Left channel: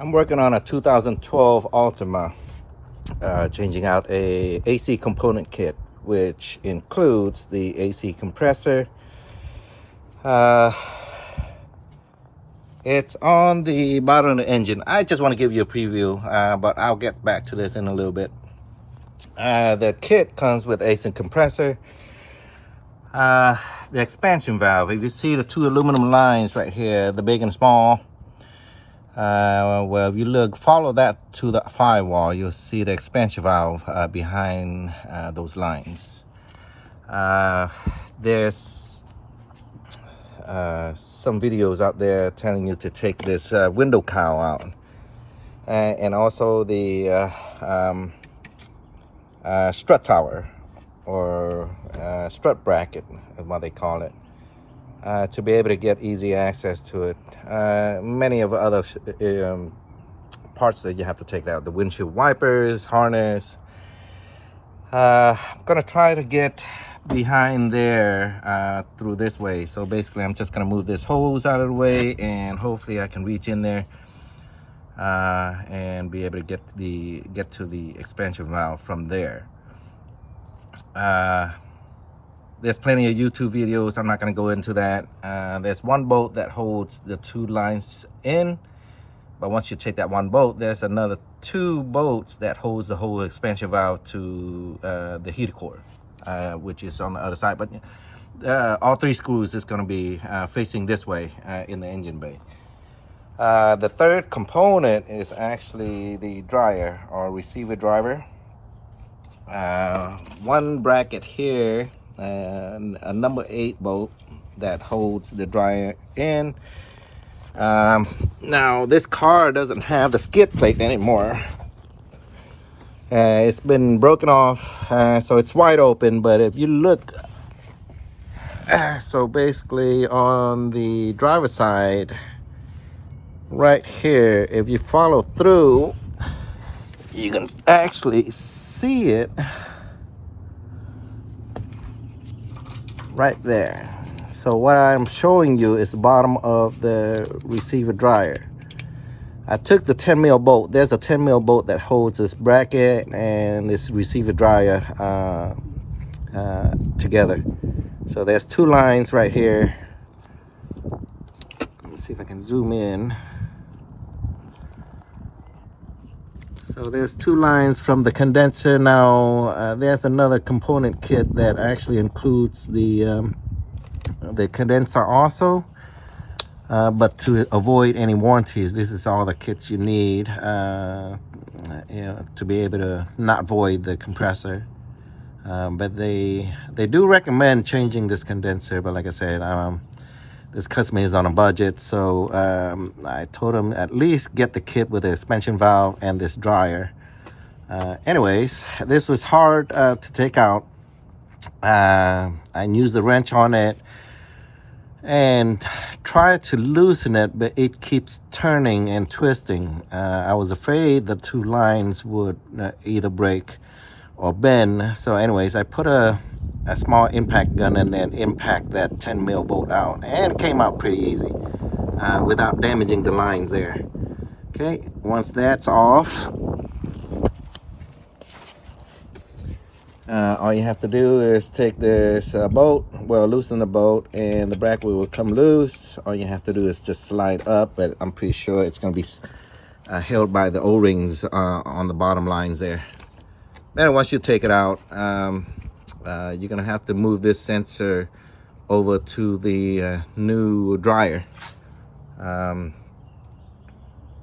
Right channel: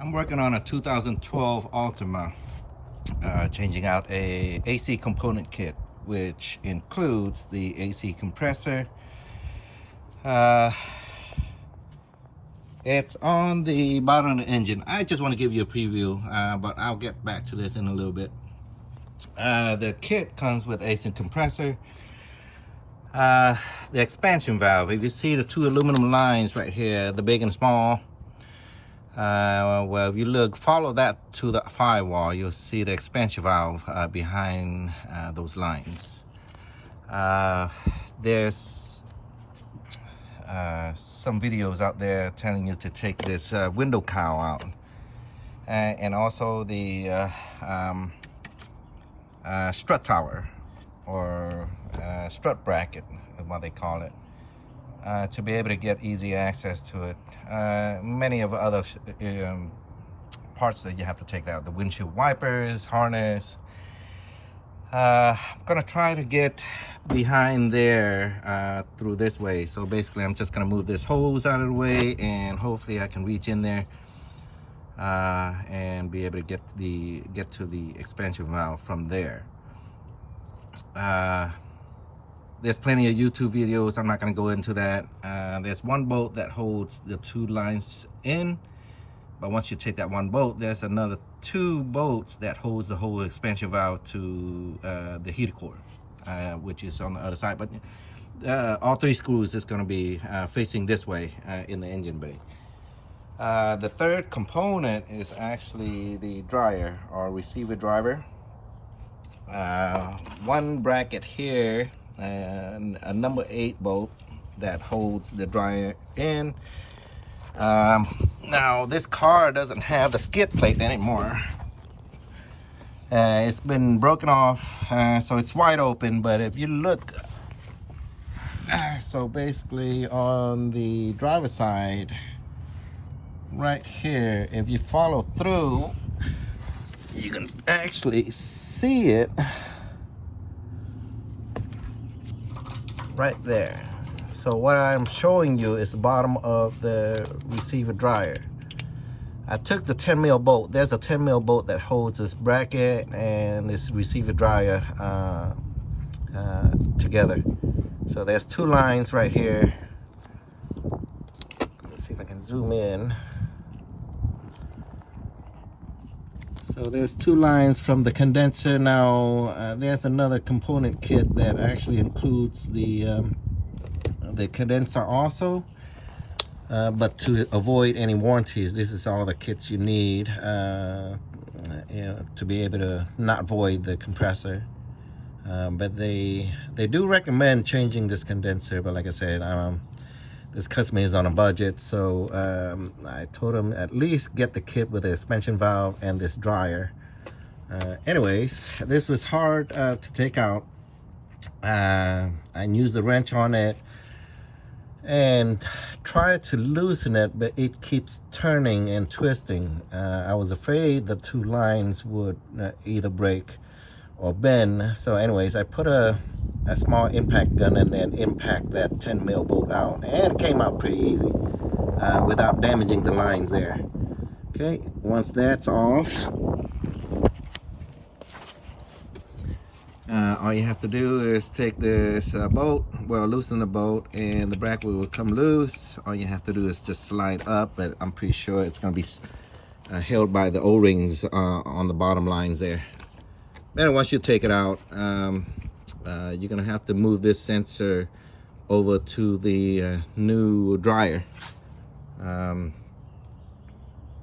I'm working on a 2012 Altima, changing out a AC component kit, which includes the AC compressor. Uh, it's on the bottom of the engine. I just want to give you a preview, but I'll get back to this in a little bit. The kit comes with AC compressor, the expansion valve. If you see the two aluminum lines right here, the big and small, well, if you follow that to the firewall, you'll see the expansion valve behind those lines. There's some videos out there telling you to take this window cowl out, and also the strut tower, or strut bracket is what they call it, to be able to get easy access to it. Many of the other parts that you have to take out, the windshield wipers, harness. I'm gonna try to get behind there through this way. So basically I'm just gonna move this hose out of the way, and hopefully I can reach in there and be able to get to the expansion valve from there. There's plenty of YouTube videos. I'm not going to go into that. There's one bolt that holds the two lines in, but once you take that one bolt, there's another two bolts that holds the whole expansion valve to the heater core, which is on the other side. But all three screws is going to be facing this way in the engine bay. The third component is actually the dryer, or receiver driver. One bracket here, and a number 8 bolt that holds the dryer in. Now this car doesn't have the skid plate anymore. It's been broken off, so it's wide open. But if you look, so basically on the driver's side right here, if you follow through, you can actually see it right there. So what I'm showing you is the bottom of the receiver dryer. I took the 10 mil bolt. There's a 10 mil bolt that holds this bracket and this receiver dryer together. So there's two lines right here. Let me see if I can zoom in. So there's two lines from the condenser. Now there's another component kit that actually includes the condenser also, but to avoid any warranties, this is all the kits you need, to be able to not void the compressor. But they do recommend changing this condenser, but like I said, this customer is on a budget, so I told him at least get the kit with the expansion valve and this dryer. Anyways, this was hard to take out. I used the wrench on it and tried to loosen it, but it keeps turning and twisting. I was afraid the two lines would either break or bend. So anyways, I put a small impact gun and then impact that 10 mil bolt out, and it came out pretty easy without damaging the lines there. Okay, once that's off, all you have to do is take this bolt, loosen the bolt, and the bracket will come loose. All you have to do is just slide up, but I'm pretty sure it's going to be held by the O-rings on the bottom lines there. Then once you take it out, you're gonna have to move this sensor over to the new dryer.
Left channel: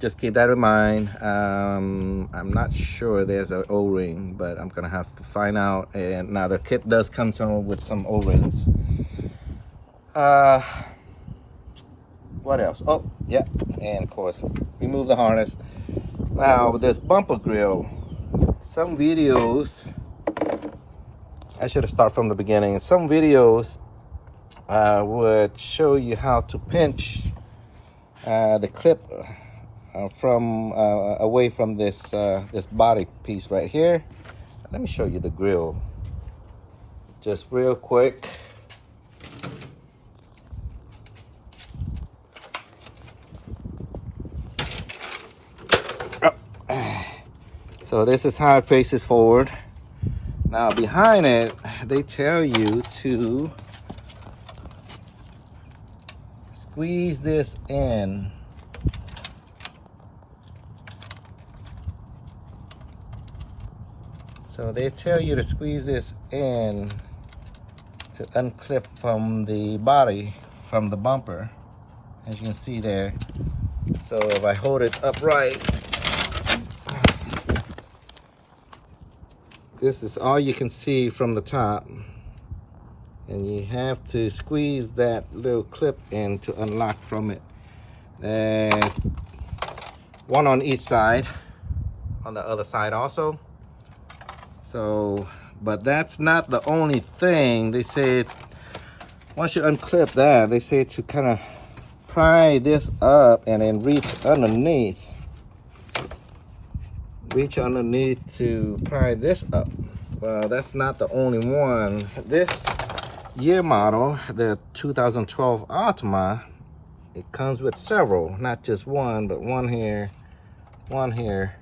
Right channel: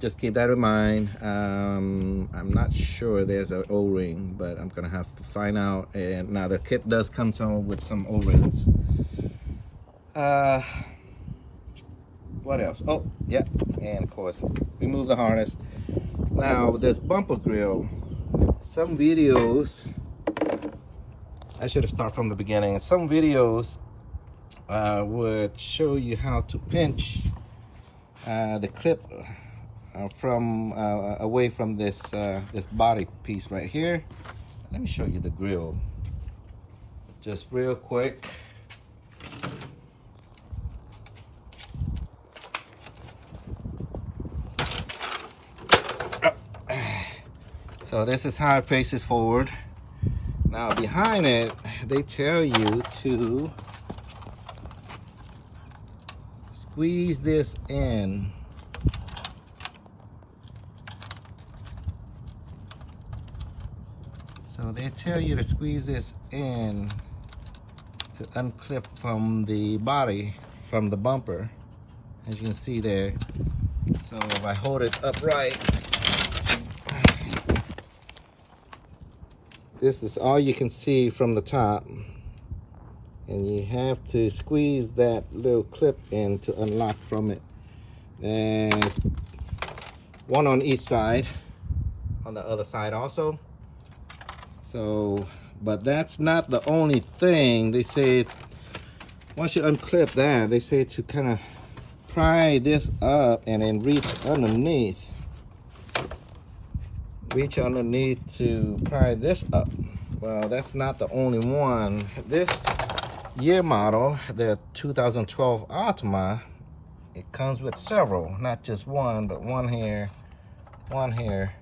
Just keep that in mind. I'm not sure there's an O-ring, but I'm gonna have to find out. And now the kit does come with some O-rings. What else? Oh yeah, and of course remove the harness. Now this bumper grill, some videos, I should have started from the beginning. Some videos would show you how to pinch the clip from away from this this body piece right here. Let me show you the grill just real quick. So this is how it faces forward. Now behind it, they tell you to squeeze this in. So they tell you to squeeze this in to unclip from the body, from the bumper, as you can see there. So if I hold it upright, this is all you can see from the top, and you have to squeeze that little clip in to unlock from it. There's one on each side, on the other side also. So, but that's not the only thing. They say once you unclip that, they say to kind of pry this up and then reach underneath. Reach underneath to pry this up. Well, that's not the only one. This year model, the 2012 Altima, it comes with several, not just one, but one here, one here.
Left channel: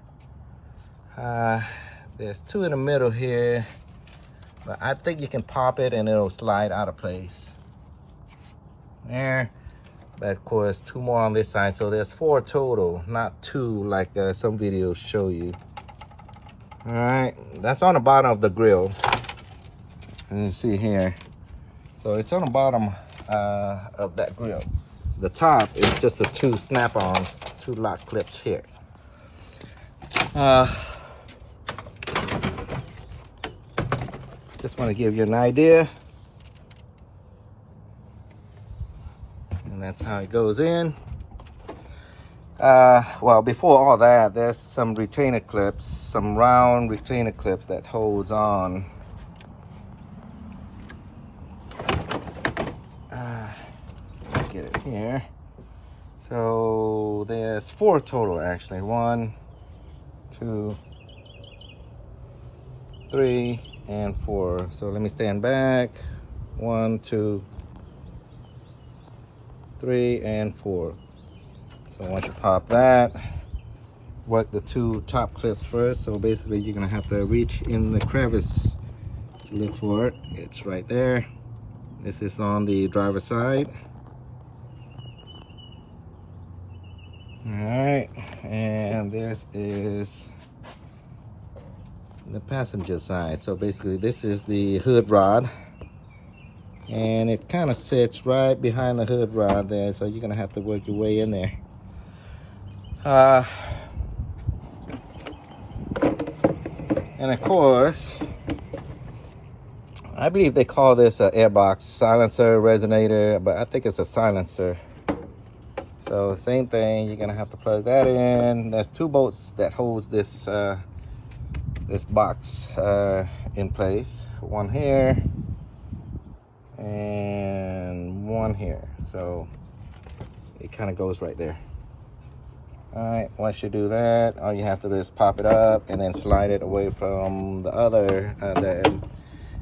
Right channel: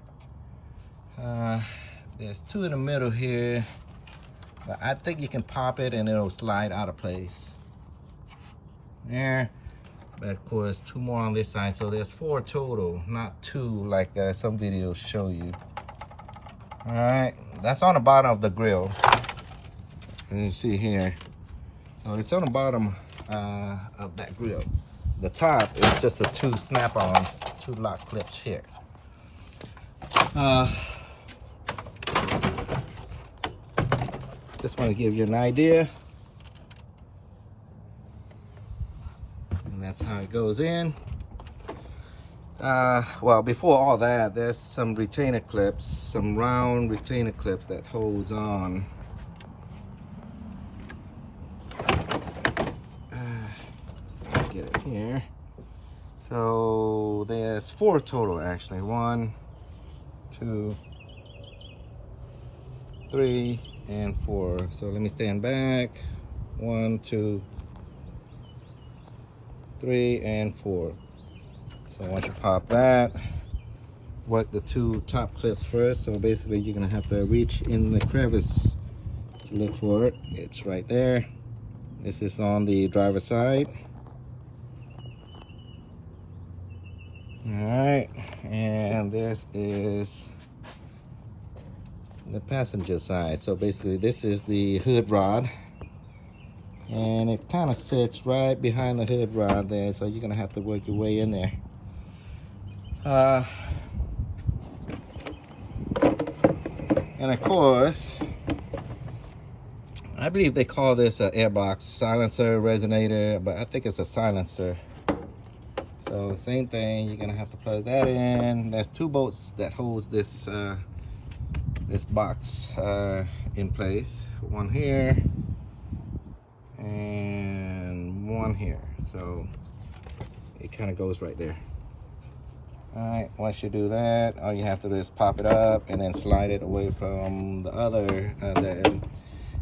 There's two in the middle here, but I think you can pop it and it'll slide out of place. There. But of course, two more on this side, so there's 4 total, not 2 like some videos show you. All right, that's on the bottom of the grill. You see here. So it's on the bottom of that grill. The top is just the 2 snap-ons, 2 lock clips here. Just want to give you an idea. And that's how it goes in. Well, before all that, there's some retainer clips, some round retainer clips that holds on. Get it here. So there's 4 total actually. 1, 2, 3, and 4. So let me stand back. 1, 2, 3, and 4. So once you pop that, work the 2 top clips first. So basically you're gonna have to reach in the crevice to look for it. It's right there. This is on the driver's side. All right, and this is the passenger side. So basically this is the hood rod, and it kind of sits right behind the hood rod there, so you're gonna have to work your way in there. And of course, I believe they call this an airbox silencer resonator, but I think it's a silencer. So same thing, you're gonna have to plug that in. There's 2 bolts that holds this this box in place. One here and one here. So it kind of goes right there. All right, once you do that, all you have to do is pop it up and then slide it away from the other the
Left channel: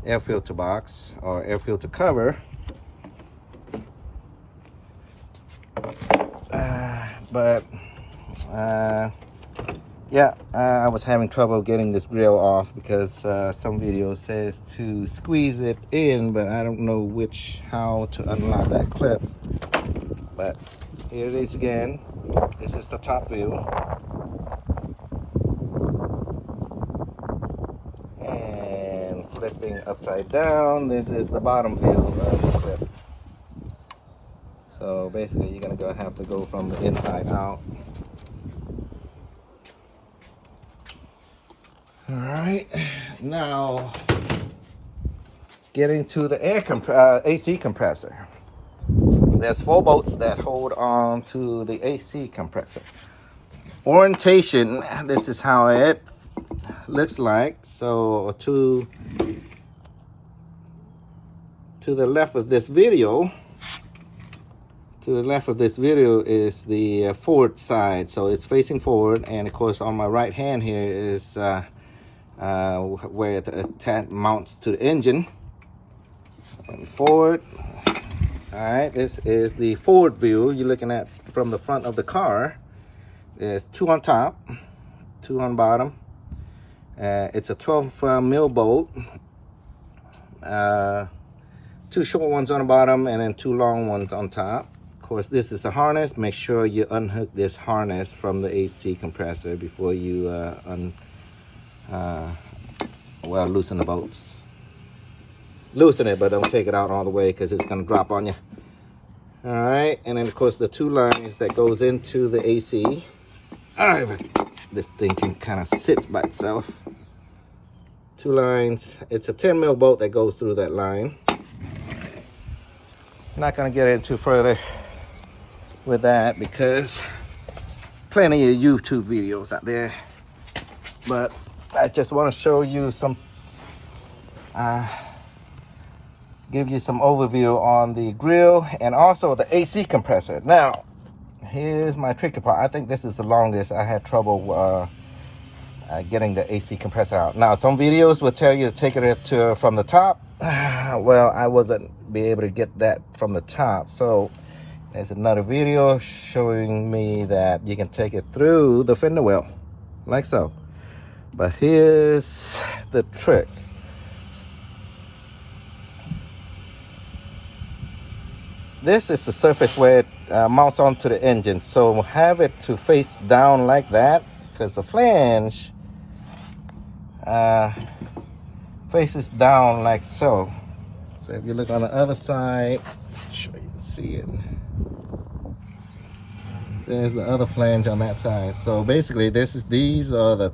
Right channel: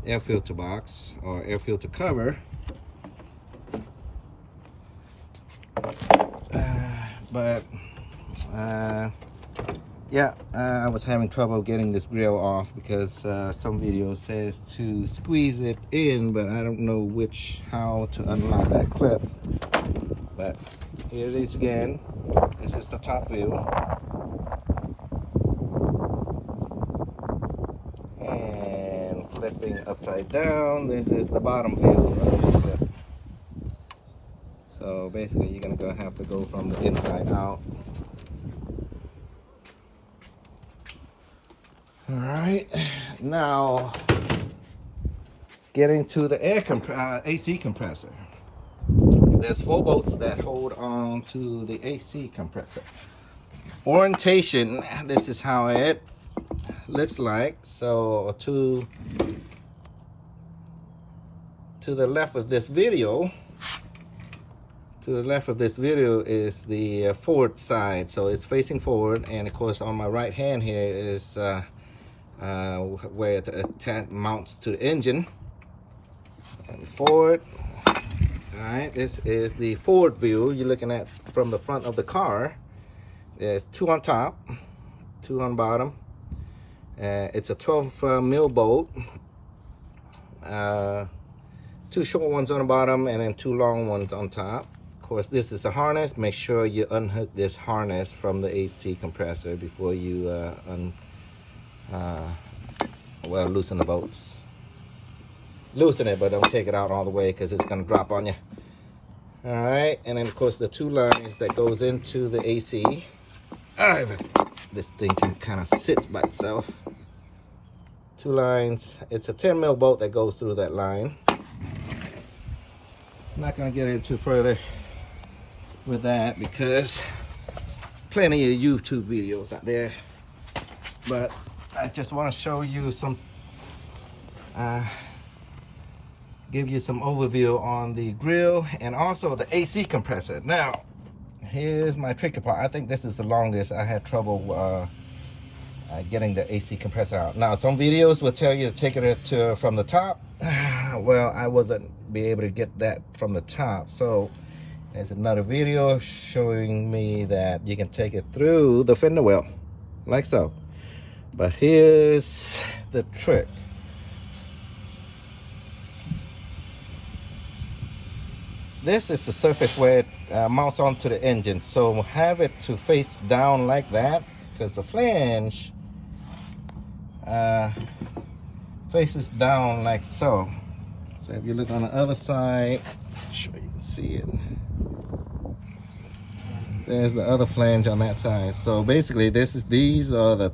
air filter box or air filter cover. Yeah, I was having trouble getting this grill off because some video says to squeeze it in, but I don't know how to unlock that clip. But here it is again. This is the top view. And flipping upside down, this is the bottom view of the clip. So basically you're gonna have to go from the inside out. All right, now getting to the AC compressor. There's 4 bolts that hold on to the AC compressor. Orientation, this is how it looks like. So to the left of this video, is the forward side. So it's facing forward, and of course on my right hand here is where it mounts to the engine. And forward. All right, this is the forward view you're looking at from the front of the car. There's 2 on top, 2 on bottom. It's a 12 mil bolt. 2 short ones on the bottom and then 2 long ones on top. Of course, this is a harness. Make sure you unhook this harness from the AC compressor before you loosen the bolts. Loosen it, but don't take it out all the way because it's going to drop on you. All right, and then of course the 2 lines that goes into the AC. All right, this thing can kind of sits by itself. 2 lines. It's a 10 mil bolt that goes through that line. Not going to get into further with that because plenty of YouTube videos out there. But I just want to show you some, give you some overview on the grill and also the AC compressor. Now, here's my tricky part. I think this is the longest. I had trouble getting the AC compressor out. Now, some videos will tell you to take it from the top. Well, I wasn't be able to get that from the top. So there's another video showing me that you can take it through the fender well, like so. But here's the trick. This is the surface where it mounts onto the engine. So have it to face down like that, because the flange faces down like so. So if you look on the other side, I'm sure you can see it. There's the other flange on that side. So basically, these are the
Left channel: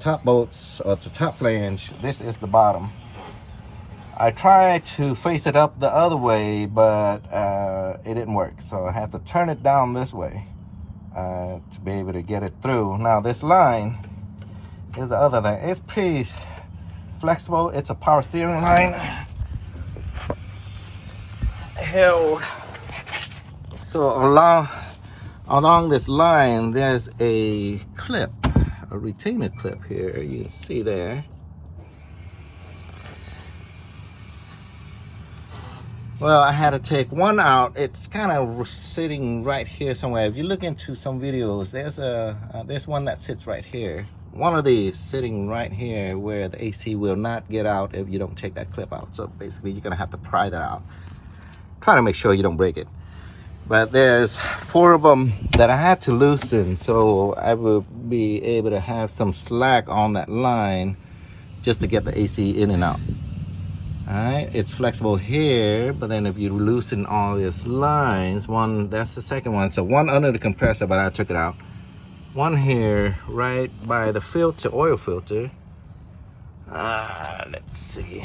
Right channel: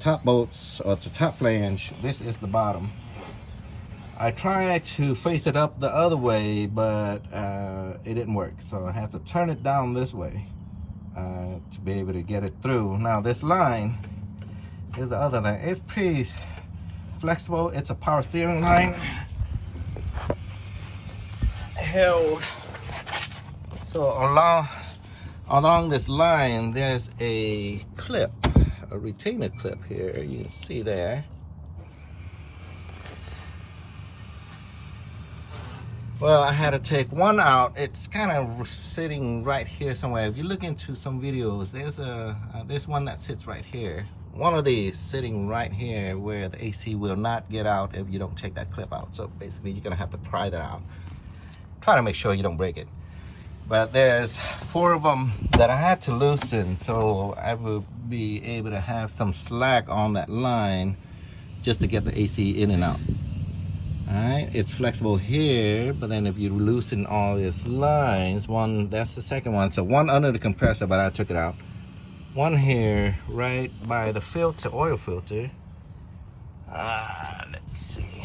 top bolts, or the top flange. This is the bottom. I tried to face it up the other way, but it didn't work. So I have to turn it down this way to be able to get it through. Now this line is the other line. It's pretty flexible. It's a power steering line held. So along this line, there's a clip, a retainer clip here. You can see there. Well, I had to take one out. It's kind of sitting right here somewhere. If you look into some videos, there's one that sits right here. One of these sitting right here where the AC will not get out if you don't take that clip out. So basically, you're gonna have to pry that out. Try to make sure you don't break it. But there's 4 of them that I had to loosen, so I will be able to have some slack on that line just to get the AC in and out. All right, it's flexible here, but then if you loosen all these lines, that's the second one. So one under the compressor, but I took it out. One here, right by the filter, oil filter. Let's see.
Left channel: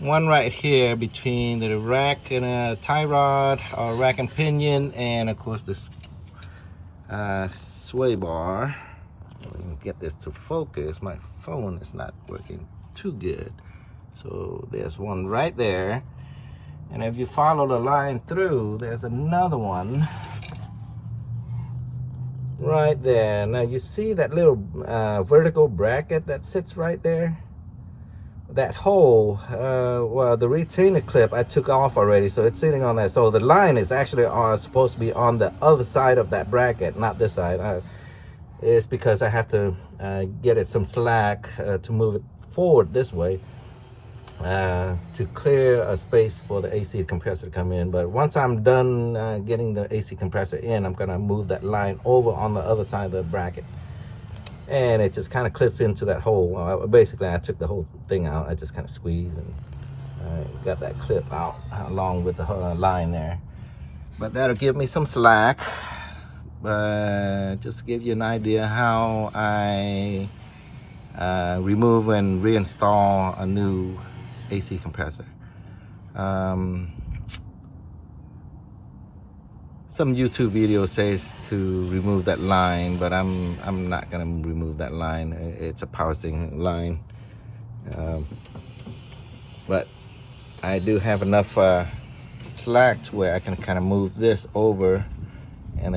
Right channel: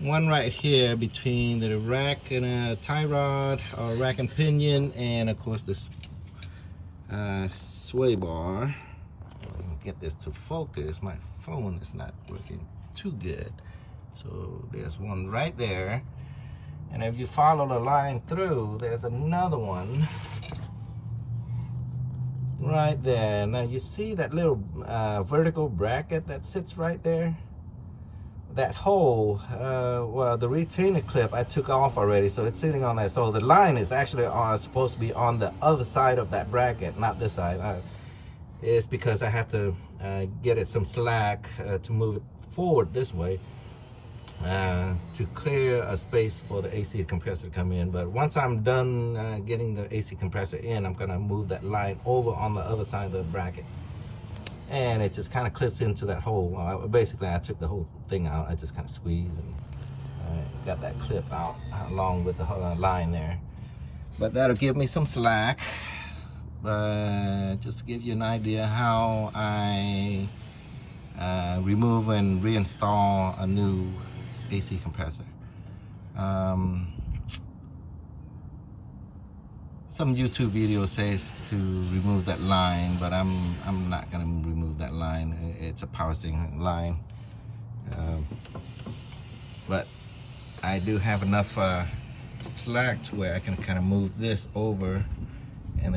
One right here between the rack and a tie rod, or rack and pinion, and of course this sway bar. Let me get this to focus. My phone is not working too good. So there's one right there, and if you follow the line through, there's another one right there. Now you see that little vertical bracket that sits right there? That hole, well, the retainer clip I took off already, so it's sitting on that. So the line is actually supposed to be on the other side of that bracket, not this side. It's because I have to get it some slack to move it forward this way to clear a space for the AC compressor to come in. But once I'm done getting the AC compressor in, I'm gonna move that line over on the other side of the bracket, and it just kind of clips into that hole. Basically, I took the whole thing out. I just kind of squeezed and got that clip out along with the line there. But that'll give me some slack. Just to give you an idea how I remove and reinstall a new AC compressor. Some YouTube video says to remove that line, but I'm not gonna remove that line. It's a power steering line, but I do have enough slack to where I can kind of move this over and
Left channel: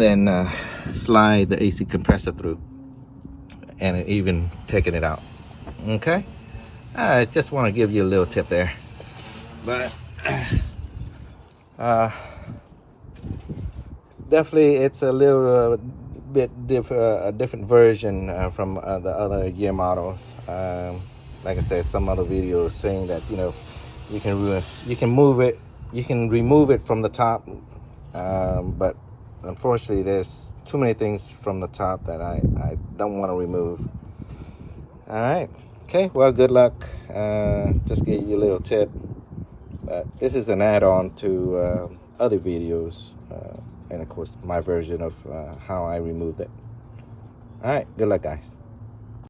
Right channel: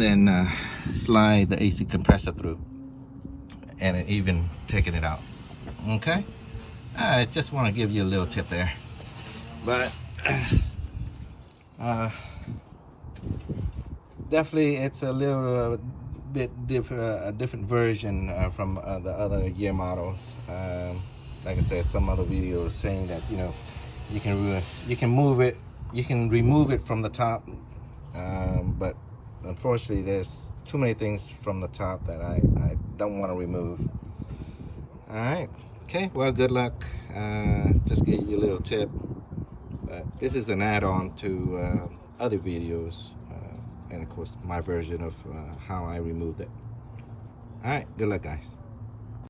then slide the AC compressor through, and even taking it out. Okay, I just want to give you a little tip there. But definitely it's a little bit a different version from the other year models. Like I said, some other videos saying that, you know, you can move it, you can remove it from the top, but unfortunately there's too many things from the top that I don't want to remove. All right, okay, well, good luck. Just gave you a little tip, but this is an add-on to other videos, and of course my version of how I removed it. All right, good luck, guys.